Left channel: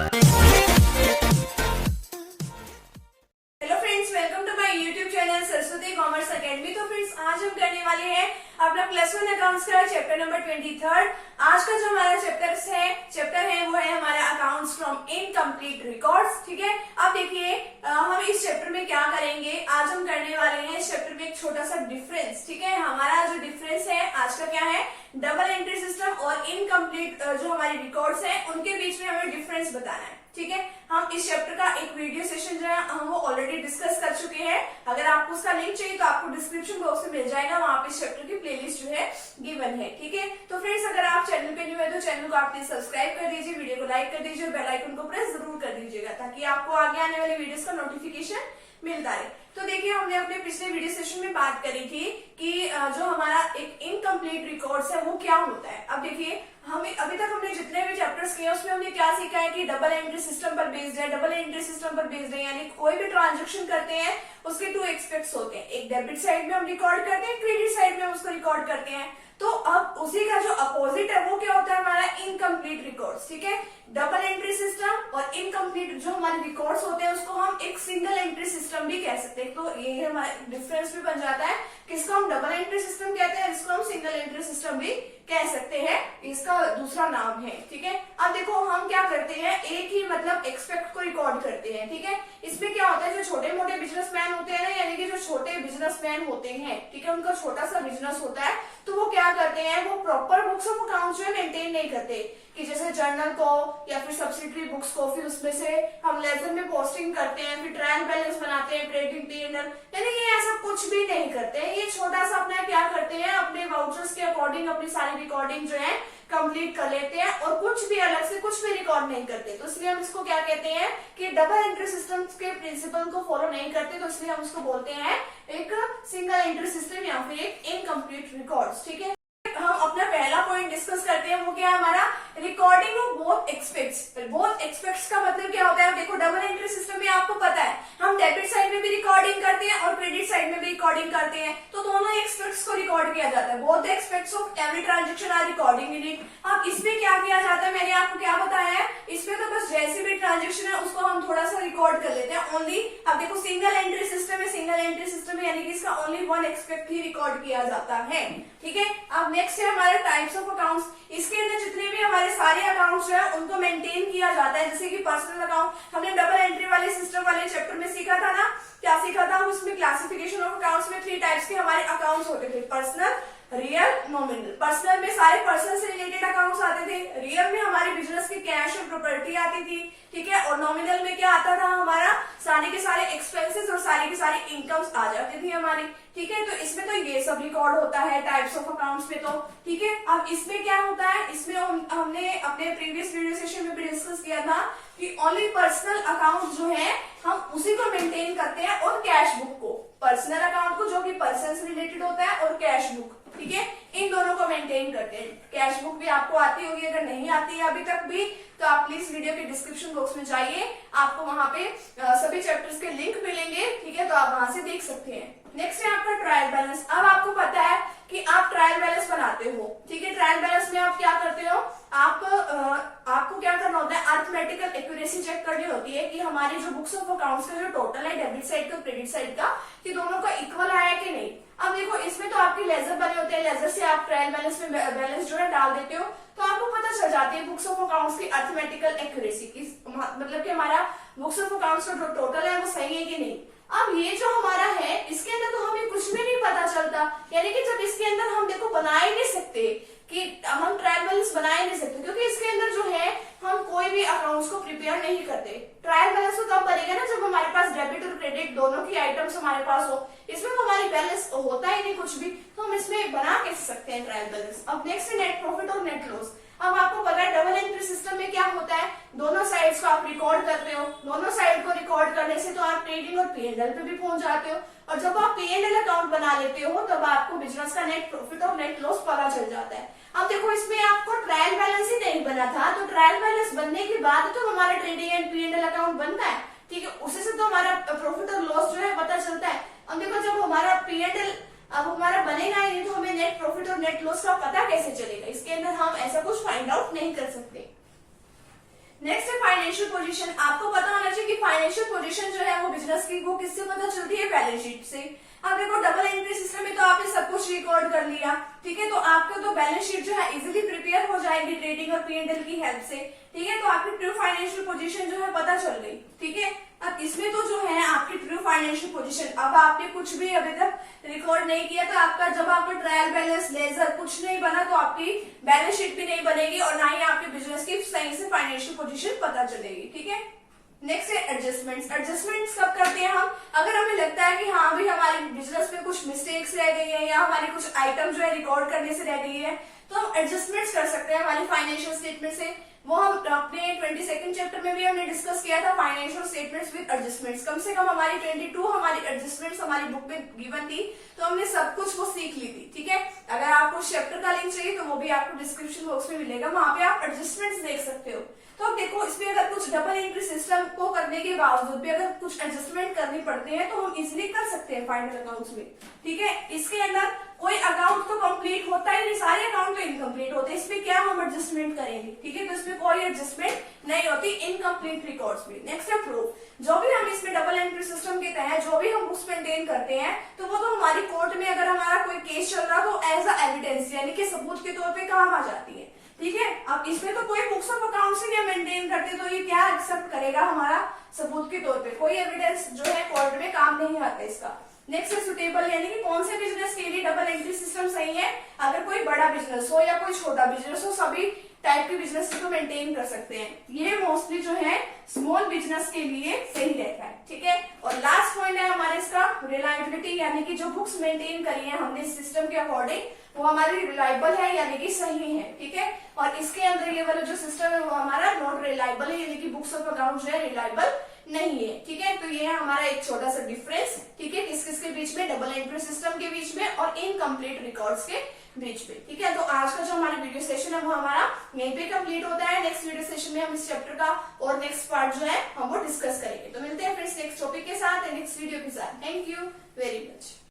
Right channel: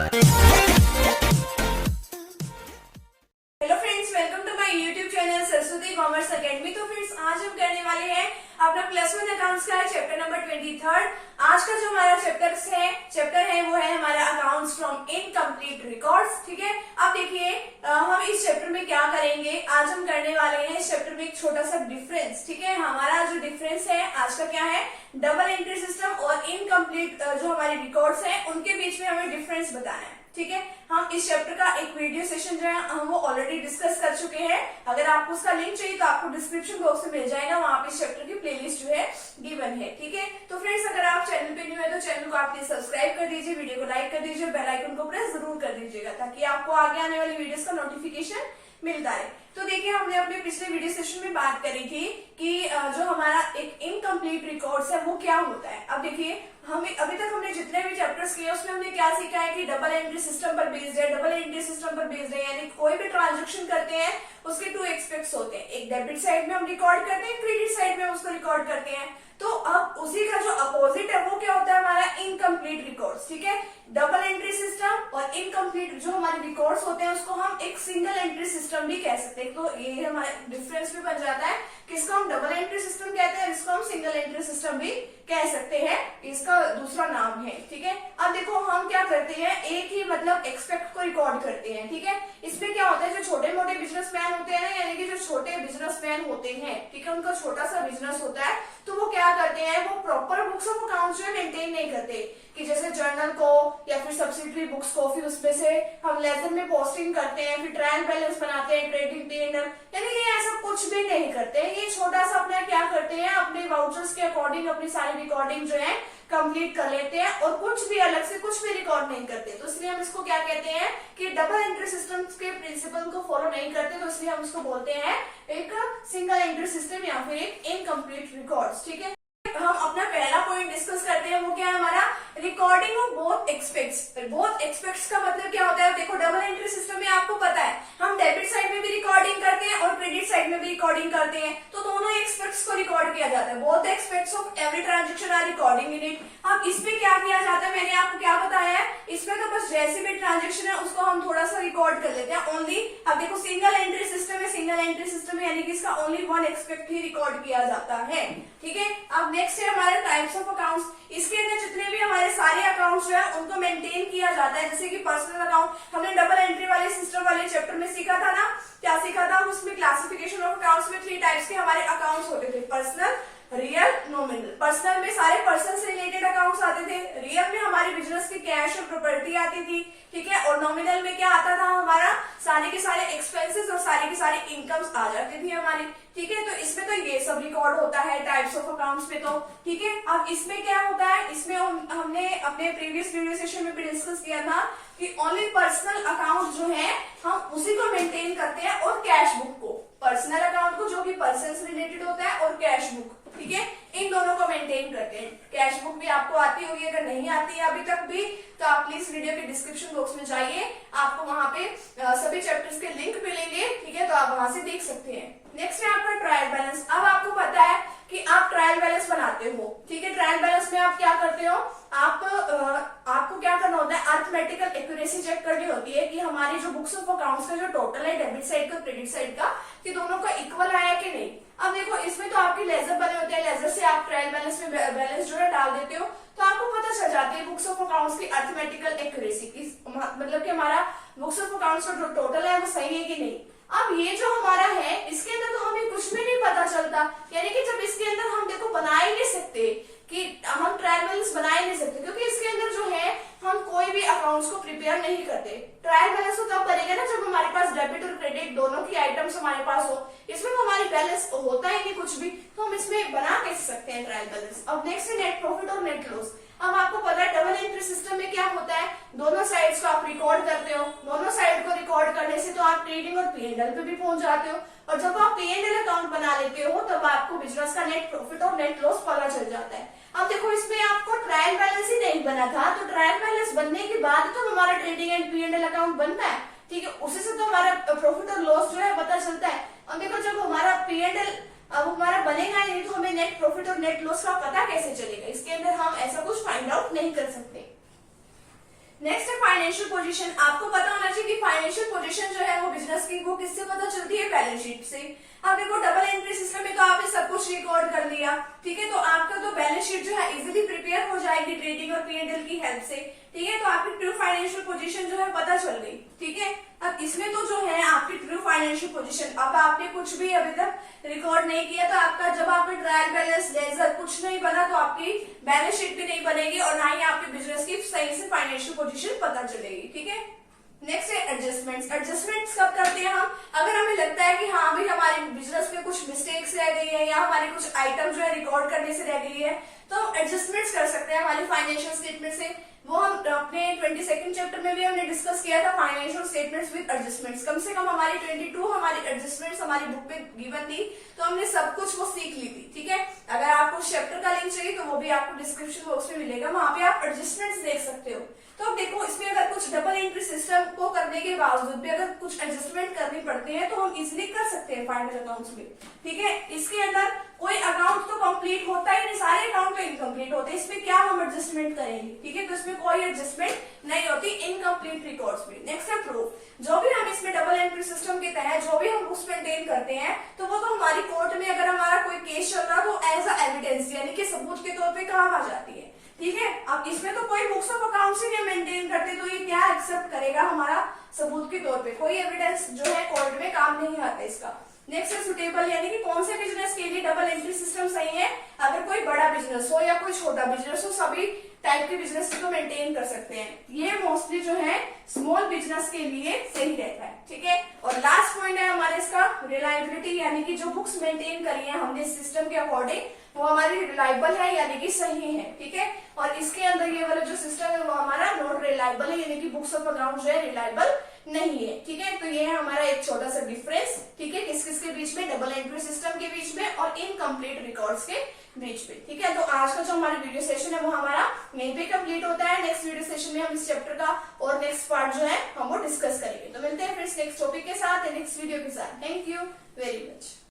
Hello friends, welcome to my YouTube channel Saraswati commerce academy. तो friends, आज हम करने वाले हैं अपना +1 अकाउंट्स का चैप्टर नंबर 23। आज का जो हमारा चैप्टर है वो है हमारा अकाउंट्स फ्रॉम इनकम्प्लीट रिकॉर्ड्स। ठीक है, अब देखिए हम इस चैप्टर में क्या करेंगे। आज हम करने वाले हैं इस चैप्टर में एक छोटा सा डिफरेंस। ठीक है, हमारा जो डिफरेंस है आज का क्या है, डबल एंट्री सिस्टम और इनकम्प्लीट जो हमारे रिकॉर्ड्स हैं उनके बीच में हमें डिफरेंस बताना है। ठीक है, हम इस चैप्टर का एक वीडियो सेशन जो है हम वो ऑलरेडी डिस्कस कर चुके हैं। अगर आपको उसका लिंक चाहिए तो आपको डिस्क्रिप्शन बॉक्स में मिल जाएगा, वहां पे इस चैप्टर की प्लेलिस्ट जो है गिवन है। ठीक है, तो फ्रेंड्स, अगर आप चैनल पे न्यू है तो चैनल को आप प्लीज सब्सक्राइब कर दीजिए, वीडियो को लाइक कर दीजिए और बेल आइकन को प्रेस जरूर कर दीजिएगा ताकि आपको आगे आने वाली वीडियोस का नोटिफिकेशन मिलता है। तो देखिए, हमने अपने पिछले वीडियो सेशन में बात करी थी कि जो हमारा एक इनकम्प्लीट रिकॉर्ड्स है वो क्या होता है। अब देखिए, हमें अभी तक हमने जितने भी चैप्टर्स किए उसमें हमने क्या सीखा है कि डबल एंट्री सिस्टम पर बेस्ड है। डबल एंट्री सिस्टम पर बेस्ड है यानी कोई भी ट्रांजेक्शन करते हैं उसके 2 एस्पेक्ट्स होते हैं। एक डेबिट साइड में हम रिकॉर्ड करते हैं, क्रेडिट साइड में हम उसको रिकॉर्ड करते हैं। तो अब उसी का जो अपोजिट है वो क्या होता है, हमारा इनकम्प्लीट रिकॉर्ड्स। ठीक है, डबल एंट्री सिस्टम और इनकम्प्लीट जो हमारे रिकॉर्ड्स होते हैं उसको हम एक सिंगल एंट्री सिस्टम भी कह सकते हैं। तो ये हमारा डिफरेंस भी बन जाता है, किसको हम डबल एंट्री सिस्टम कहते हैं, इसको हम सिंगल एंट्री सिस्टम भी कह सकते हैं, इसका दूसरा नाम है। ठीक है, अब देखो हम क्या करते हैं, एक ही मतलब एक्सपेक्ट को रिकॉर्ड करते हैं। ठीक है, इसमें क्या होता है, जो छोटे मोटे बिजनेसमैन होते हैं ना, यानी कि जो छोटे बिजनेसमैन होते हैं, ठीक है, उनका छोटा सा बिजनेस होता है, तो वो क्या करते हैं, वो प्रॉपर बुक्स ऑफ अकाउंट जो है मेंटेन नहीं करते कि जैसे जर्नल को या फिर सब्सिडरी बुक्स को, फिर उसमें से हम लेजर में पोस्टिंग करते हैं, फिर ट्रायल बैलेंस बनाते हैं, ट्रेडिंग P&L, यानी ये ऐसा कुछ भी नहीं करते हैं। ये छोटा सा अपना क्या करते हैं, अपने वाउचर्स के अकॉर्डिंग अपनी सारी रिकॉर्डिंग जो है कंप्लीट कर लेते हैं और कुछ भी अलग से कुछ भी रिकॉर्ड नहीं करते। तो इसलिए हम इसको क्या कहते हैं कि डबल एंट्री सिस्टम के प्रिंसिपल को फॉलो नहीं करते, तो इसलिए हम इसको बोलते हैं एक सिंगल एंट्री सिस्टम या फिर एक इनकम्प्लीट रिकॉर्ड्स। ठीक है, हम अपना पहला पॉइंट डिस्कस करते हैं, वो क्या है हमारा recording of both aspects. Both aspects का मतलब क्या होता है, देखो डबल एंट्री सिस्टम में आपको पता है हम डेबिट साइड में भी रिकॉर्डिंग करते हैं और क्रेडिट साइड में भी रिकॉर्डिंग करते हैं, तो दोनों एक्सपेक्ट्स को रिकॉर्ड किया जाता है। Both expects of every transaction are recording in it. अब इसमें क्या किया जाता है, मैंने आपको क्या बताया है, इसमें तो बस जैसी भी ट्रांजेक्शन है उसको हम थोड़ा सा रिकॉर्ड कर लेते हैं ओनली। अब देखो सिंगल एंट्री सिस्टम है, सिंगल एंट्री सिस्टम है यानी कि इसका ओनली 1 एक्सपेक्ट ही रिकॉर्ड किया जाता है। ठीक है, अब नेक्स्ट है हमारे टाइप्स ऑफ अकाउंट्स। इसके अंदर जितने भी हमारे सारे अकाउंट्स जो है उनको मेंटेन किया जाता है, जैसे कि पर्सनल अकाउंट हमने डबल एंट्री वाले सिस्टम वाले चैप्टर में सीखा था ना, क्या सीखा था उसमें, क्लासिफिकेशन ऑफ अकाउंट्स में 3 टाइप्स के हमारे अकाउंट्स होते थे, पर्सनल, रियल, नॉमिनल। पर्सनल में सारे पर्सन से रिलेटेड अकाउंट्स आते थे, रियल में हमारे बिजनेस की कैश और प्रॉपर्टी आती थी। ठीक है, और नॉमिनल में क्या आता था, हमारा सारे के सारे एक्सपेंसेस और सारी की सारी इनकम्स आ जाती थी हमारी। ठीक है, तो इसमें तो ये सब रिकॉर्ड होता है टाइप्स ऑफ अकाउंट्स में। तो ठीक है, अब इसमें क्या होता है, इसमें हमने अपने प्रीवियस वीडियो सेशन में भी डिस्कस किया था कि ओनली पर्सनल अकाउंट जो है हम उसी को मेंटेन करते हैं और कैश बुक को, पर्सनल अकाउंट को जो कि पर्सन से रिलेटेड होता है और कैश बुक, ठीक है, इन दोनों को मेंटेन करते हैं। कैश बुक भी आपको आती होगी, अगर नहीं आती है अभी तक भी तो आप प्लीज वीडियो के डिस्क्रिप्शन बॉक्स में जाइए, आपको वहां पे सभी चैप्टर्स के लिंक मिलेंगे। ठीक है, तो आप वहां से देख सकते हैं। नेक्स्ट है आपका ट्रायल बैलेंस। अब आपको पता है कि आप ट्रायल बैलेंस बनाते हो। ठीक है, ट्रायल बैलेंस में आप क्या करते हो, आपको क्या करना होता है, अर्थमेटिकल एक्यूरेसी चेक करनी होती है कि हमारी जो बुक्स ऑफ अकाउंट्स का जो टोटल है डेबिट साइड का क्रेडिट साइड का, कि दोनों का इक्वल आया कि नहीं। अब देखो इसमें तो आपके लेजर बने होते हैं, लेजर से आप ट्रायल बैलेंस में बैलेंस जो है डाल देते हो, तो आपको पता चल जाती है बुक्स ऑफ अकाउंट्स की अर्थमेटिकल एक्यूरेसी की, मतलब कि हमारा बुक्स ऑफ अकाउंट्स का जो टोटल है वो सही है कि नहीं। अब ये जो हमारा है इसके अंदर तो हमें कुछ भी नहीं पता चलता, यानी कि जब इसके अंदर हम देखो बना ही नहीं सकते कि हम ट्रायल बैलेंस बना ही नहीं सकते, क्योंकि इसके अंदर जो है हम कोई भी अकाउंट्स को प्रिपेयर नहीं करते। ट्रायल बैलेंस तो तब बनेगा ना जब हमारे पास डेबिट और क्रेडिट दोनों की आइटम्स हमारे पास हो, इसमें तो हमारी बैलेंस होता ही नहीं कुछ भी, तो हम इसमें बना कैसे सकते हैं ट्रायल बैलेंस। अब नेक्स्ट है नेट प्रॉफिट और नेट लॉस। अब आपको पता है डबल एंट्री सिस्टम में क्या होता है, दोनों साइड्स को आप रिकॉर्ड करते हो, दोनों साइड को रिकॉर्ड करने से तो आप ट्रेडिंग और P&L पे भी पहुंच जाते हो, और जब आप P&L अकाउंट बना लेते हो तब आपको बिजनेस का नेट प्रॉफिट और नेट लॉस पता चल जाता है। अब देखो इसमें आपको ट्रायल बैलेंस ही नहीं बना था, तो ट्रायल बैलेंस बनने के बाद तो हमारा ट्रेडिंग एंड P&L अकाउंट बनता है। ठीक है, उसी से तो हमारा प्रॉफिट और लॉस जो है पता चलता है। अब देखो जब हमारा P&L अब हमारा बनेगा ही नहीं तो हमें नेट प्रॉफिट और नेट लॉस का पता कैसे चलेगा, इसके अंदर हम ऐसा कुछ फाइंड आउट नहीं कर सकते। नेक्स्ट है फाइनेंशियल पोजीशन, आपको पता होना चाहिए कि फाइनेंशियल पोजीशन जो है वो बिजनेस की वो किससे पता चलती है, बैलेंस शीट से। अब देखो डबल एंट्री सिस्टम में तो आपने सब कुछ रिकॉर्ड कर लिया, ठीक है, तो आपका तो बैलेंस शीट जो है इजीली प्रिपेयर हो जाएगी ट्रेडिंग और P&L की हेल्प से, ठीक है, तो आपकी ट्रू फाइनेंशियल पोजीशन जो है पता चल गई, ठीक है। अब इसमें तो जो है आपकी ट्रू फाइनेंशियल पोजीशन, अब आपने कुछ भी अभी तक रिकॉर्ड नहीं किया तो आपका जब आपका ट्रायल बैलेंस लेजर कुछ नहीं बना तो आपकी बैलेंस शीट भी नहीं बनेगी और ना ही आपके बिजनेस की सही से फाइनेंशियल पोजीशन पता चलेगी, ठीक है। नेक्स्ट है एडजस्टमेंट्स। एडजस्टमेंट्स कब करते हैं हम, अगर हमें लगता है कि हाँ भाई हमारे बिजनेस में कुछ मिस्टेक्स रह गई है या हमारी कुछ आइटम जो है रिकॉर्ड करने से रह गई है तो हम एडजस्टमेंट्स कर सकते हैं हमारी फाइनेंशियल स्टेटमेंट से। वो हम अपने 22nd चैप्टर में भी हमने डिस्कस किया था, फाइनेंशियल स्टेटमेंट्स विद एडजस्टमेंट्स। कम से कम हमारी 22 हमारी एडजस्टमेंट्स हमारी बुक में गिवन थी, तो हमने सब कुछ वो सीख ली थी, ठीक है। अगर आपको उस चैप्टर का लिंक चाहिए तो वो भी आपको डिस्क्रिप्शन बॉक्स में मिलेगा, वहां पे आप एडजस्टमेंट्स देख सकते हो। तो अब देखो इसमें अगर कुछ डबल एंट्री सिस्टम को करने के बावजूद भी अगर कुछ एडजस्टमेंट करनी पड़ती है तो हम इजिली कर सकते हैं फाइनल अकाउंट्स में, ठीक है। इसके अंदर कोई अकाउंट तो कंप्लीट होता ही नहीं, सारे अकाउंट तो इनकम्प्लीट होते हैं, इसमें क्या हम एडजस्टमेंट करेंगे, ठीक है, तो इसमें कोई एडजस्टमेंट नहीं होती इनकम्प्लीट रिकॉर्ड्स में। नेक्स्ट है प्रूफ। जो भी हम इसमें डबल एंट्री सिस्टम के तहत जो भी हम बुक्स मेंटेन करते हैं तो वो तो हमारी कोर्ट में अगर हमारा कोई केस चल रहा तो एज अ एविडेंस यानी कि सबूत के तौर पे काम आ जाती है, ठीक है। अब इसमें तो कोई बुक्स ऑफ अकाउंट्स ही नहीं मेंटेन करते तो ये क्या एक्सेप्ट करेगा हमारा सबूत के तौर पे, कोई एविडेंस जो है कोर्ट में काम नहीं आता इसका। नेक्स्ट है सुटेबल, यानी कि कौन से बिजनेस के लिए डबल एंट्री सिस्टम सही है, अगर कोई बड़ा बिजनेस हो या कोई छोटा बिजनेस हो सभी टाइप के बिजनेस को मेंटेन कर सकते हैं। ये मोस्टली जो है स्मॉल बिजनेस के लिए सही रहता है, ठीक है। और लास्ट पॉइंट है हमारे इसका रिलायबिलिटी, यानी कि जो बुक्स मेंटेन करी है हमने इस सिस्टम के अकॉर्डिंग वो हमारी रिलायबल है यानी कि सही है, ठीक है। और इसके अंदर ये वाला जो सिस्टम है वो हमारा नॉट रिलायबल है, यानी कि बुक्स ऑफ अकाउंट जो है रिलायबल नहीं है, ठीक है। तो ये है हमारा एक छोटा सा डिफरेंस, ठीक है, किस किस के बीच में, डबल एंट्री सिस्टम के बीच में और इनकम्प्लीट रिकॉर्ड्स के बीच में, ठीक है। तो आज का जो हमारा वीडियो सेशन है वो हमारा यहीं पे कंप्लीट होता है। नेक्स्ट वीडियो सेशन में हम इस चैप्टर का और नेक्स्ट पार्ट जो है हम वो डिस्कस करेंगे। तो मिलते हैं फ्रेंड्स नेक्स्ट टॉपिक के साथ, नेक्स्ट वीडियो के साथ। Thank you very much.